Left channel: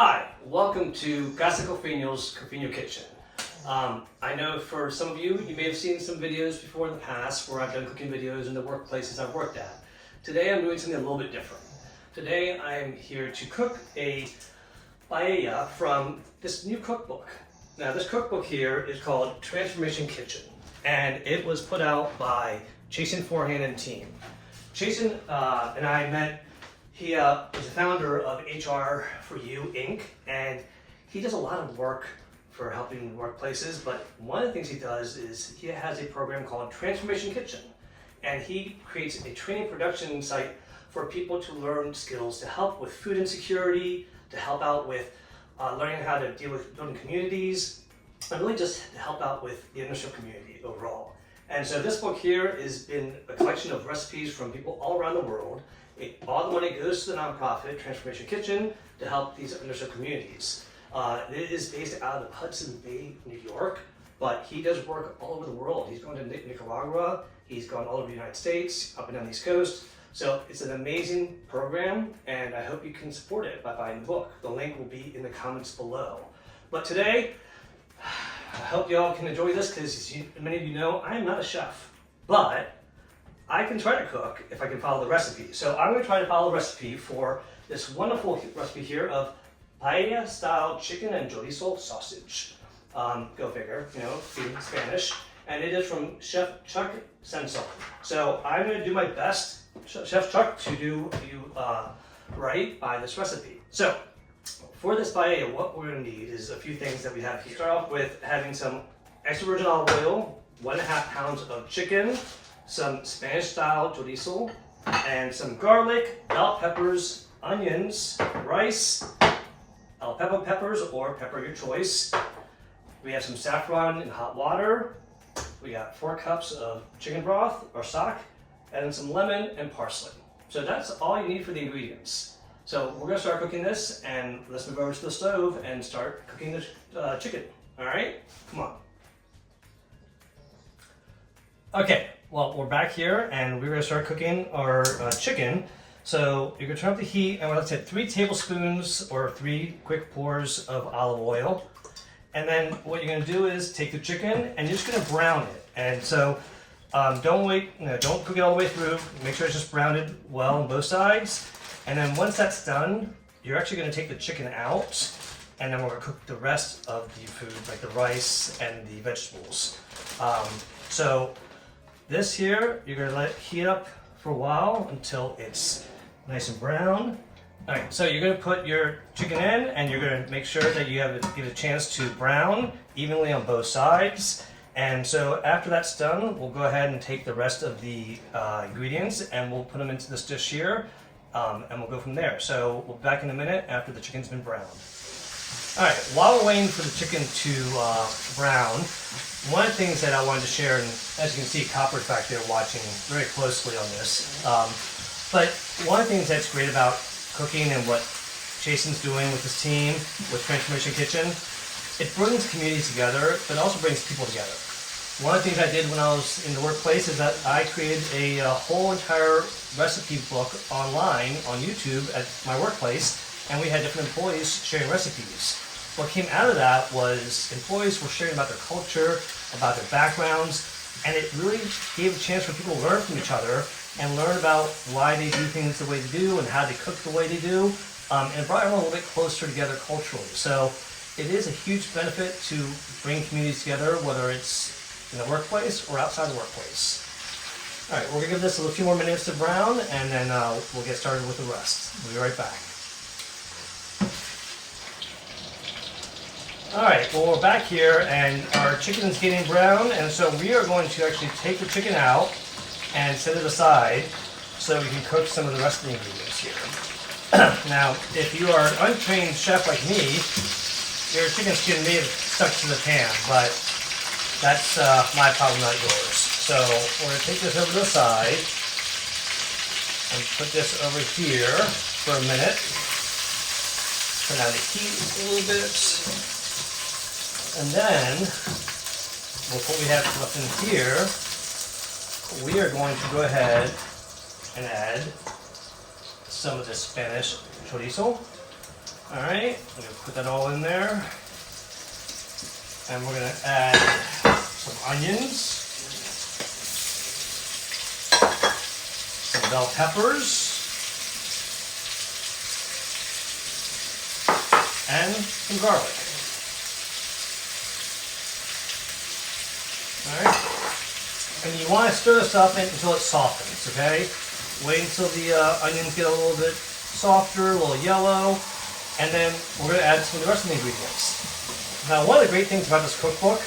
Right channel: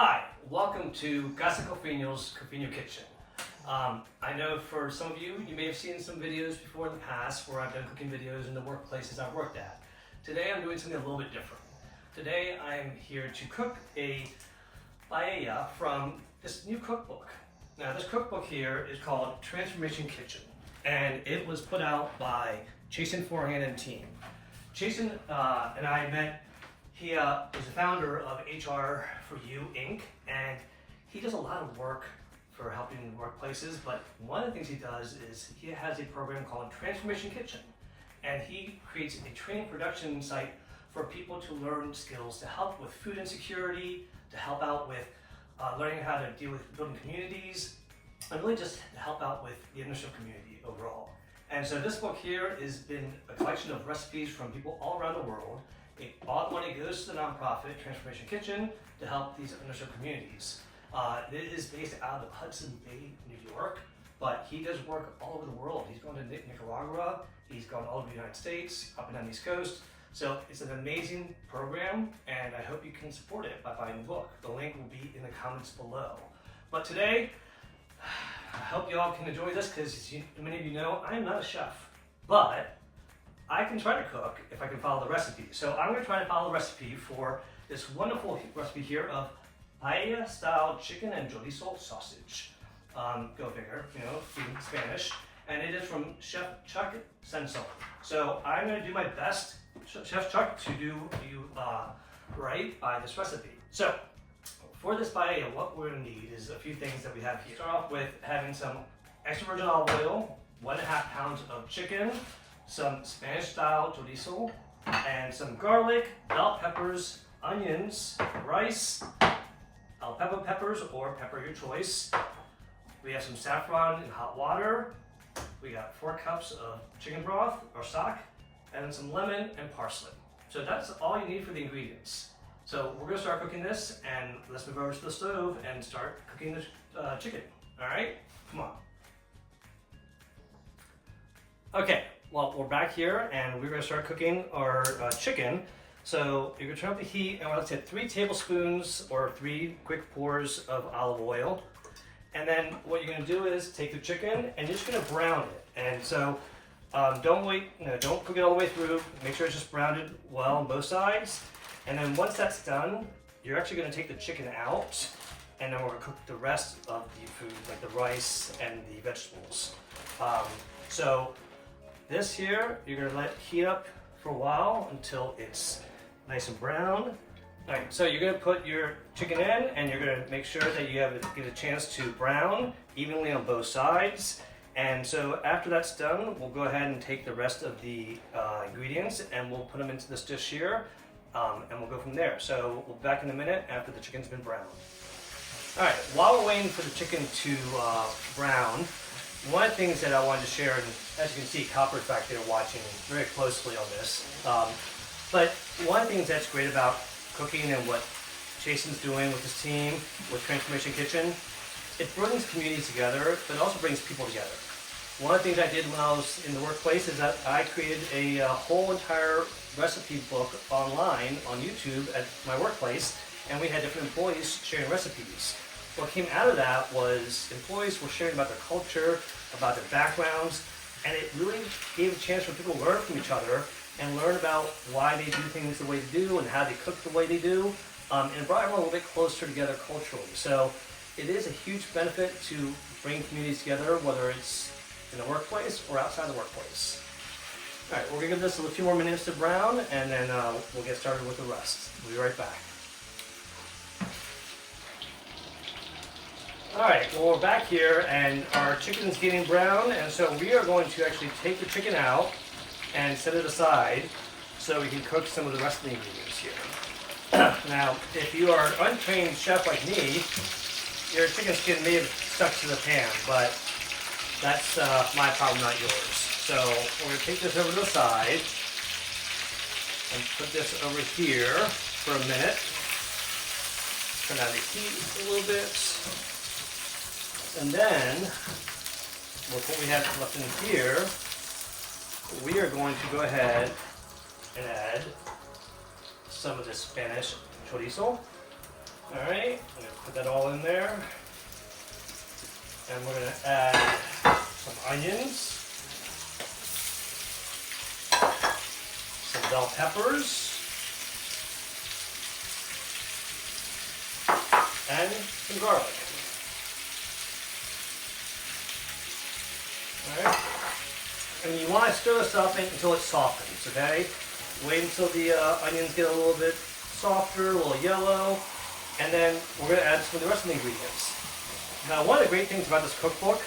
Hi, welcome to Casa Cofiño Kitchen. I know for some of you, you may have seen some videos before in the past where I've done cooking videos in the workplaces I've worked at. Today I'm doing something a little bit different. Today I am here to cook a paella from this new cookbook. Now this cookbook here is called Transformation Kitchen, and it was put out by Jason Forehand and team. Jason and I met. He is the founder of HR for You Inc. and he does a lot of work for helping workplaces, but one of the things he does is he has a program called Transformation Kitchen, and he creates a training production site for people to learn skills to help with food insecurity, to help out with learning how to deal with building communities, and really just to help out with the underserved community overall. And so this book here has been a collection of recipes from people all around the world. All the money goes to the nonprofit Transformation Kitchen to help these underserved communities. It is based out of Hudson Valley, New York, but he does work all over the world. He's gone to Nicaragua, he's gone all over the United States, up and down the East Coast. So it's an amazing program, and I hope you can support it by buying the book. The link will be in the comments below. But today, I hope y'all can enjoy this because as many of you know, I am not a chef, but I can try to cook if I can follow the recipe. So I'm going to try to follow the recipe for this wonderful recipe here of paella style chicken and chorizo sausage. Go figure, you know, being Spanish. And it is from Chef Chuck Sansone. So I'm going to do my best, Chef Chuck, to do you right by this recipe. So for this paella, what we're going to need is a few things that we have here. Start off with having some extra virgin olive oil, 1.5 pounds of chicken, some Spanish style chorizo, and some garlic, bell peppers, onions, rice, alpepo peppers or pepper your choice. We have some saffron in hot water. We got 4 cups of chicken broth or stock, and some lemon and parsley. So that's all you need for the ingredients. So we're gonna start cooking this, and let's move over to the stove and start cooking the chicken. All right, come on. Okay. Well, we're back here and we're going to start cooking our chicken. So you're going to turn up the heat and we're going to take 3 tablespoons or 3 quick pours of olive oil. And then what you're going to do is take the chicken and you're just going to brown it. And so don't wait, don't cook it all the way through. Make sure it's just browned well on both sides. And then once that's done, you're actually going to take the chicken out, and then we're going to cook the rest of the food, like the rice and the vegetables. This here, you're gonna let it heat up for a while until it's nice and brown. All right, so you're gonna put your chicken in and you're gonna make sure that you give it a chance to brown evenly on both sides. And so after that's done, we'll go ahead and take the rest of the ingredients and we'll put them into this dish here, and we'll go from there. So we'll be back in a minute after the chicken's been browned. All right, while we're waiting for the chicken to brown, one of the things that I wanted to share, and as you can see, Copper's back there watching very closely on this, but one of the things that's great about cooking and what Jason's doing with his team, with Transformation Kitchen, it brings communities together, but also brings people together. One of the things I did when I was in the workplace is that I created a whole entire recipe book online on YouTube at my workplace, and we had different employees sharing recipes. What came out of that was employees were sharing about their culture, about their backgrounds, and it really gave a chance for people to learn from each other and learn about why they do things the way they do and how they cook the way they do, and it brought everyone a little bit closer together culturally. So it is a huge benefit to bring communities together, whether it's in the workplace or outside the workplace. All right, we're gonna give this a few more minutes to brown, and then we'll get started with the rest. We'll be right back. All right, well, we're back here and our chicken's getting brown, and so we are going to actually take the chicken out and set it aside so we can cook some of the rest of the ingredients here. Now, if you are an untrained chef like me, your chicken skin may have stuck to the pan, but that's my problem, not yours. So we're going to take this over to the side and put this over here for a minute. Turn down the heat a little bit. And then, with what we have left in here, we are going to go ahead and add some of the Spanish chorizo. All right, I'm gonna put that all in there. And we're gonna add some onions, some bell peppers, and some garlic. All right, and you want to stir this up until it softens. Okay, wait until the onions get a little bit softer, a little yellow, and then we're going to add some of the rest of the ingredients. Now, one of the great things about this cookbook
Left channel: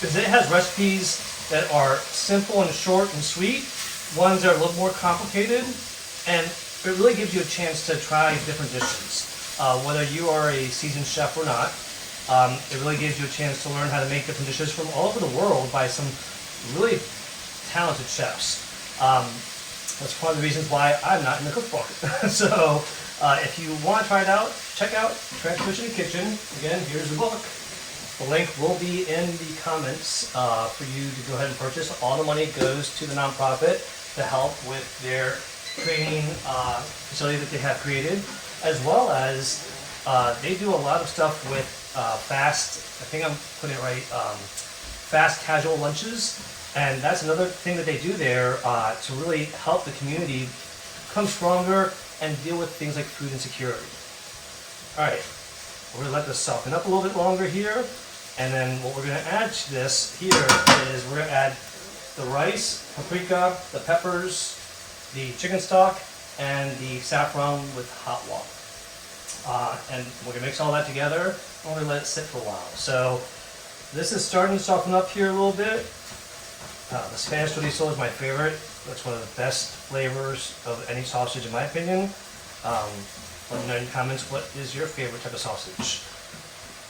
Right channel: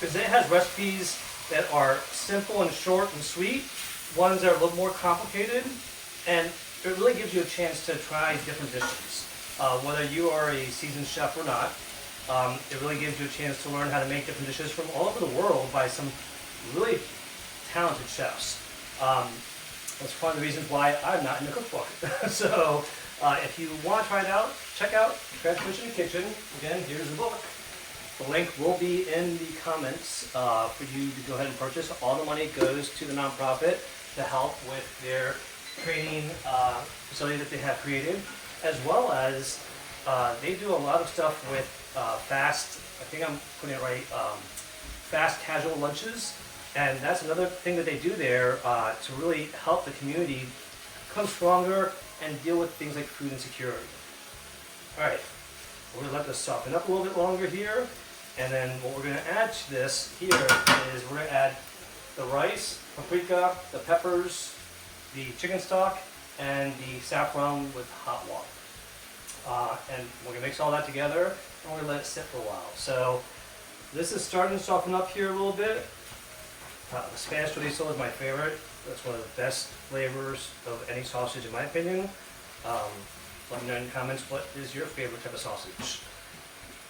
is it has recipes that are simple and short and sweet, ones that are a little more complicated, and it really gives you a chance to try different dishes. Whether you are a seasoned chef or not, it really gives you a chance to learn how to make different dishes from all over the world by some really talented chefs. That's one of the reasons why I'm not in the cookbook. So if you want to try it out, check out Transformation Kitchen. Again, here's the book. The link will be in the comments for you to go ahead and purchase. All the money goes to the nonprofit to help with their training facility that they have created, as well as they do a lot of stuff with fast, I think I'm putting it right, fast casual lunches. And that's another thing that they do there to really help the community become stronger and deal with things like food insecurity. All right, we're gonna let this soften up a little bit longer here. And then what we're gonna add to this here is we're gonna add the rice, paprika, the peppers, the chicken stock, and the saffron with hot water. And we're gonna mix all that together and we're gonna let it sit for a while. So this is starting to soften up here a little bit. The Spanish chorizo is my favorite. That's one of the best flavors of any sausage in my opinion. Let me know in the comments what is your favorite type of sausage.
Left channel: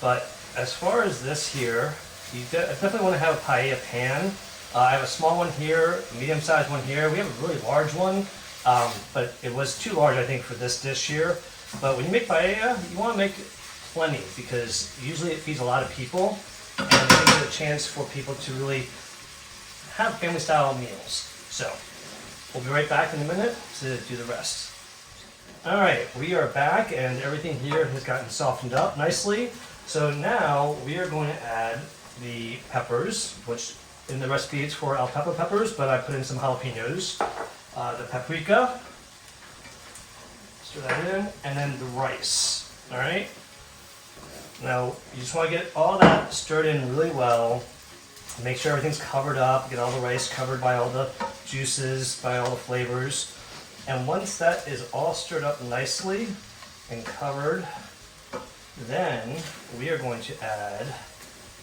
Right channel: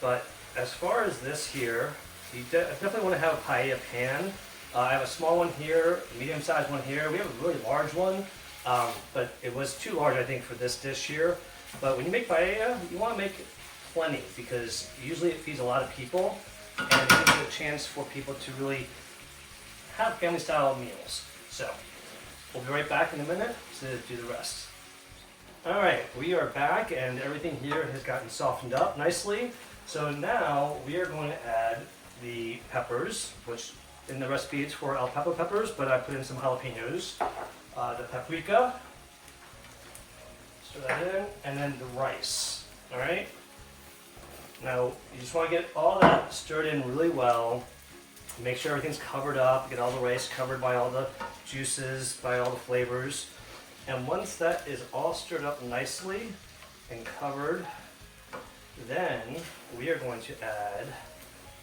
But as far as this here, you definitely want to have a paella pan. I have a small one here, a medium-sized one here. We have a really large one, but it was too large I think for this dish here. But when you make paella, you want to make plenty because usually it feeds a lot of people and it gives you a chance for people to really have family style meals. So we'll be right back in a minute to do the rest. All right, we are back and everything here has gotten softened up nicely. So now we are going to add the peppers, which in the recipe it's for alpeppa peppers, but I put in some jalapenos. The paprika, stir that in, and then the rice. All right. Now you just want to get all that stirred in really well. Make sure everything's covered up, get all the rice covered by all the juices, by all the flavors. And once that is all stirred up nicely and covered, then we are going to add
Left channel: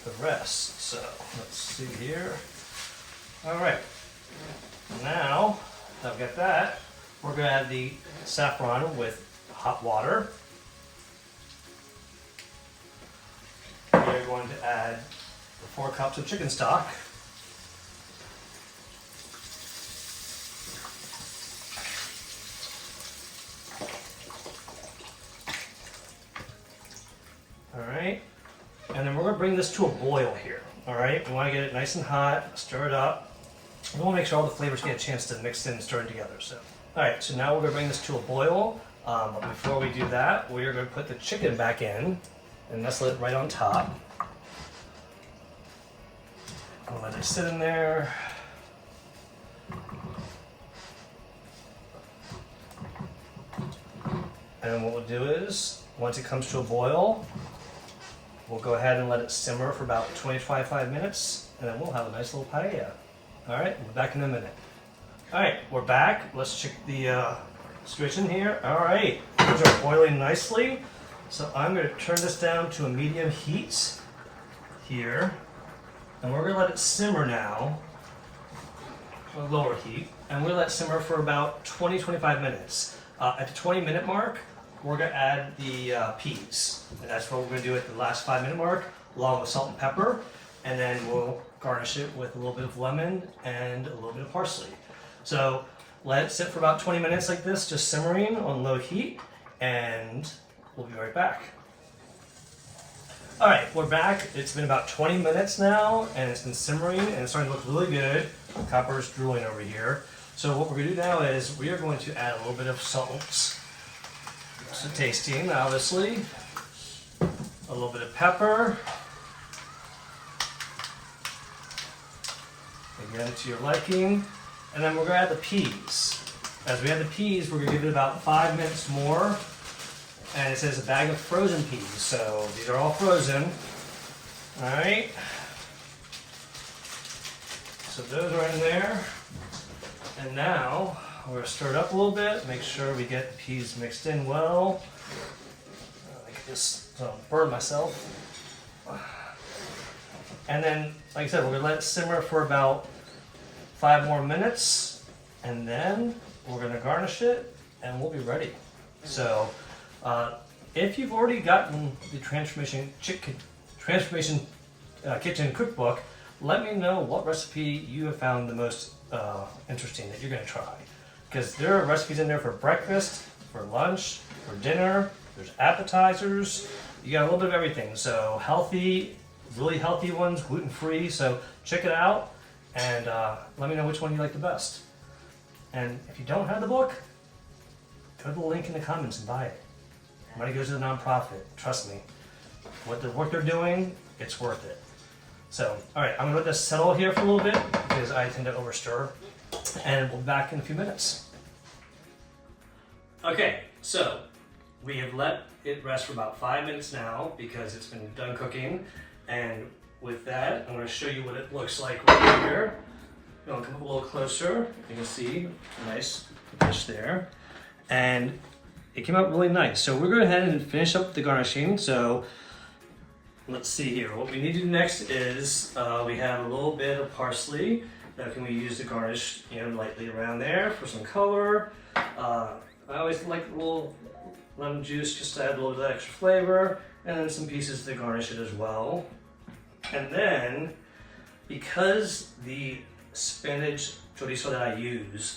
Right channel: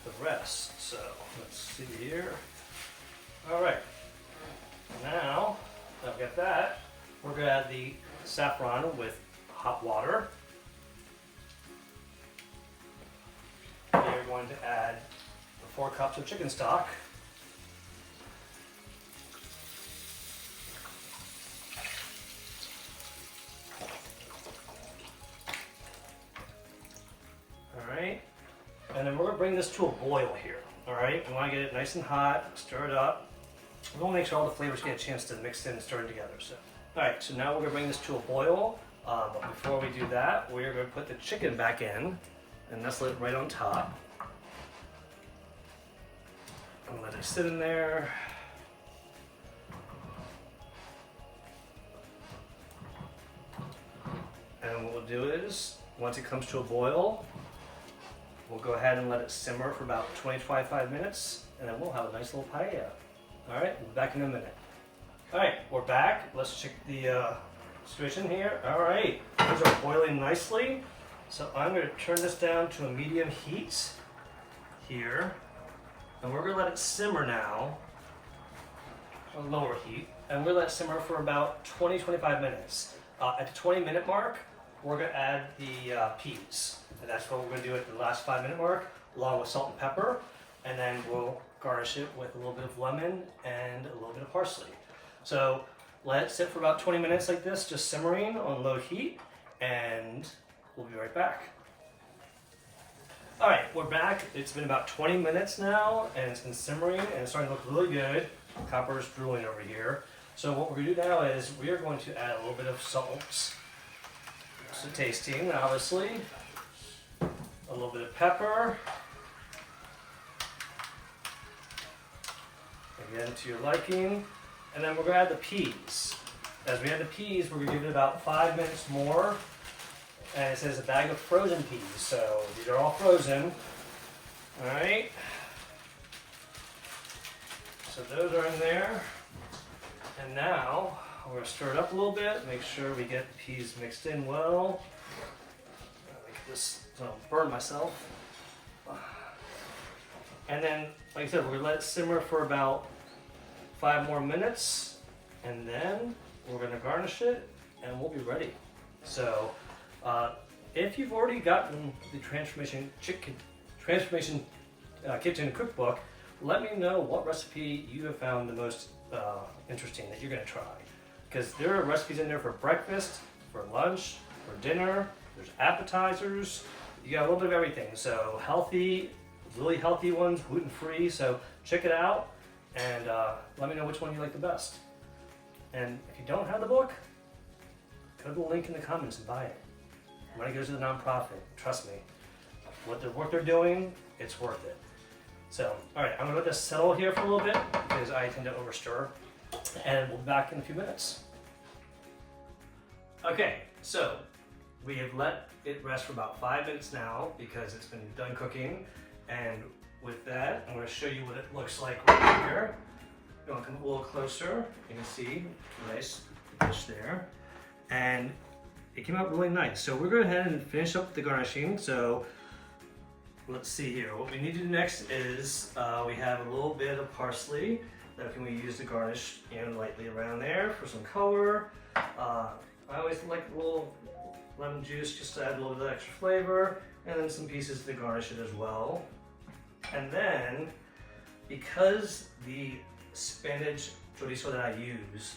the rest. So let's see here. All right, now that I've got that, we're gonna add the saffron with hot water. We are going to add 4 cups of chicken stock. All right, and then we're gonna bring this to a boil here. All right, we wanna get it nice and hot, stir it up. We wanna make sure all the flavors get a chance to mix in and stir it together. So, all right, so now we're gonna bring this to a boil. But before we do that, we are gonna put the chicken back in and nestle it right on top. I'll let it sit in there. And then what we'll do is, once it comes to a boil, we'll go ahead and let it simmer for about 20 to 25 minutes, and then we'll have a nice little paella. All right, we'll be back in a minute. All right, we're back. Let's check the situation here. All right, these are boiling nicely. So I'm gonna turn this down to a medium heat here. And we're gonna let it simmer now, a lower heat, and we're gonna let it simmer for about 20-25 minutes. At the 20-minute mark, we're gonna add the peas. And that's what we're gonna do at the last 5-minute mark, along with salt and pepper. And then we'll garnish it with a little bit of lemon and a little bit of parsley. So let it sit for about 20 minutes like this, just simmering on low heat, and we'll be right back. All right, we're back. It's been about 20 minutes now, and it's been simmering, and it's starting to look really good. Copper's drooling over here. So what we're gonna do now is we are going to add a little bit of salt So tasting, obviously. A little bit of pepper. Again, to your liking. And then we're gonna add the peas. As we add the peas, we're gonna give it about 5 minutes more. And it says a bag of frozen peas, so these are all frozen. All right. So those are in there. And now we're gonna stir it up a little bit, make sure we get the peas mixed in well. Like this, so I don't burn myself. And then, like I said, we're gonna let it simmer for about 5 more minutes, and then we're gonna garnish it, and we'll be ready. So, if you've already gotten the Transformation Kitchen Cookbook, let me know what recipe you have found the most interesting that you're gonna try. Because there are recipes in there for breakfast, for lunch, for dinner, there's appetizers, you got a little bit of everything. So healthy, really healthy ones, gluten-free, so check it out and let me know which one you like the best. And if you don't have the book, go to the link in the comments and buy it. Money goes to the nonprofit, trust me. What the work they're doing, it's worth it. So, all right, I'm gonna let this settle here for a little bit because I tend to overstir, and we'll be back in a few minutes. Okay, so we have let it rest for about 5 minutes now because it's been done cooking. And with that, I'm gonna show you what it looks like right here. You wanna come a little closer, you can see a nice dish there. And it came out really nice. So we're going to go ahead and finish up the garnishing. So let's see here. What we need to do next is we have a little bit of parsley that can we use to garnish, lightly around there for some color. I always like a little lemon juice just to add a little bit of extra flavor, and then some pieces to garnish it as well. And then because the spinach chorizo that I used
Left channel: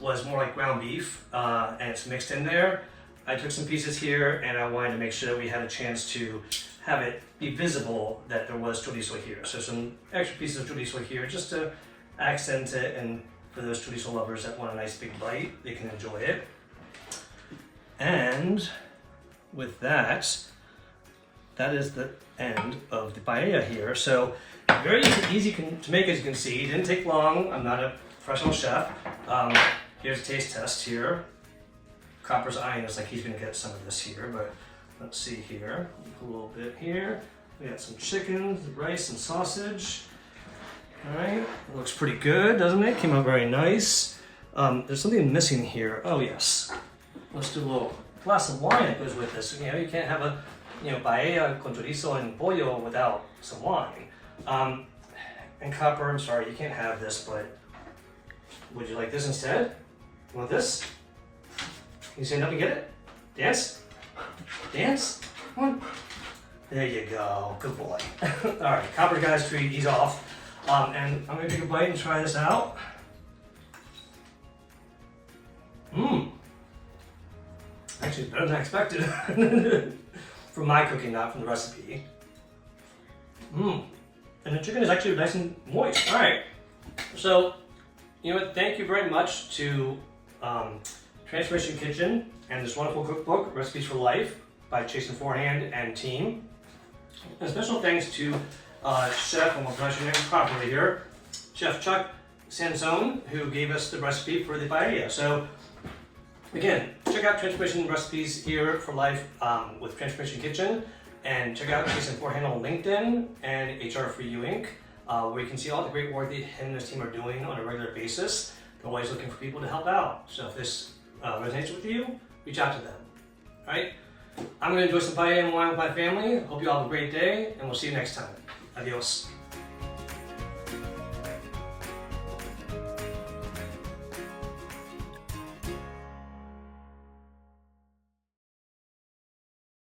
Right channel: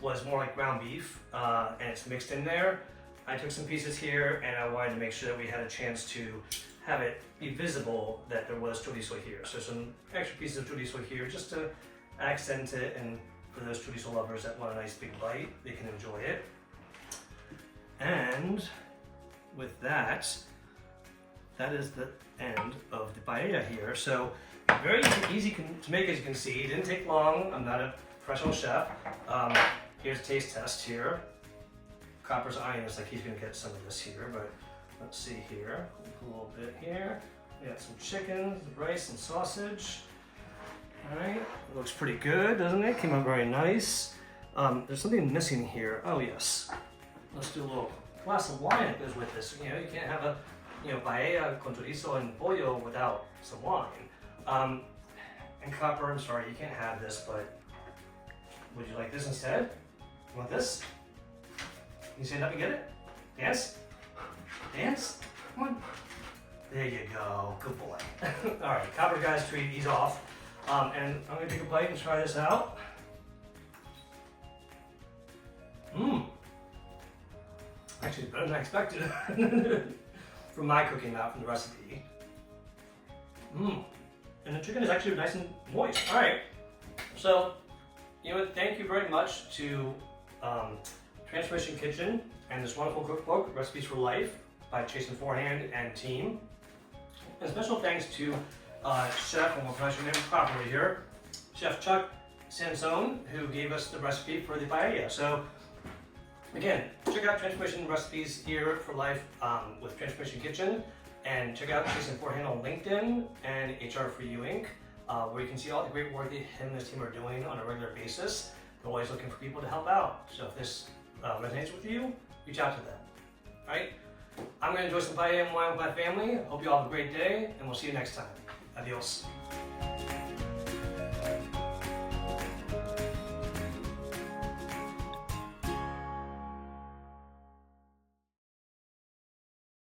was more like ground beef, and it's mixed in there, I took some pieces here and I wanted to make sure that we had a chance to have it be visible that there was chorizo here. So some extra pieces of chorizo here just to accent it, and for those chorizo lovers that want a nice big bite, they can enjoy it. And with that, that is the end of the paella here. So very easy to make, as you can see. It didn't take long. I'm not a professional chef. Here's a taste test here. Copper's eyeing us like he's gonna get some of this here, but let's see here. A little bit here. We got some chicken, rice, and sausage. All right, it looks pretty good, doesn't it? Came out very nice. There's something missing here. Oh yes. Let's do a little glass of wine that goes with this. You can't have a paella con chorizo and pollo without some wine. And Copper, I'm sorry, you can't have this, but would you like this instead? You want this? Can you stand up and get it? Dance? Dance? Come on. There you go. Good boy. All right, Copper guy's treat. He's off. And I'm gonna take a bite and try this out. Actually, better than I expected. From my cooking, not from the recipe. And the chicken is actually nice and moist. All right. So, thank you very much to Transformation Kitchen and this wonderful cookbook, Recipes for Life by Jason Forehand and team. And special thanks to Chef, and we'll pronounce your name properly here, Chef Chuck Sansone, who gave us the recipe for the paella. So, again, check out Transformation Recipes here for Life with Transformation Kitchen, and check out Jason Forehand on LinkedIn and HR for You Inc., where you can see all the great work that him and his team are doing on a regular basis. They're always looking for people to help out. So if this resonates with you, reach out to them. All right? I'm going to enjoy some paella and wine with my family. Hope you all have a great day, and we'll see you next time. Adios.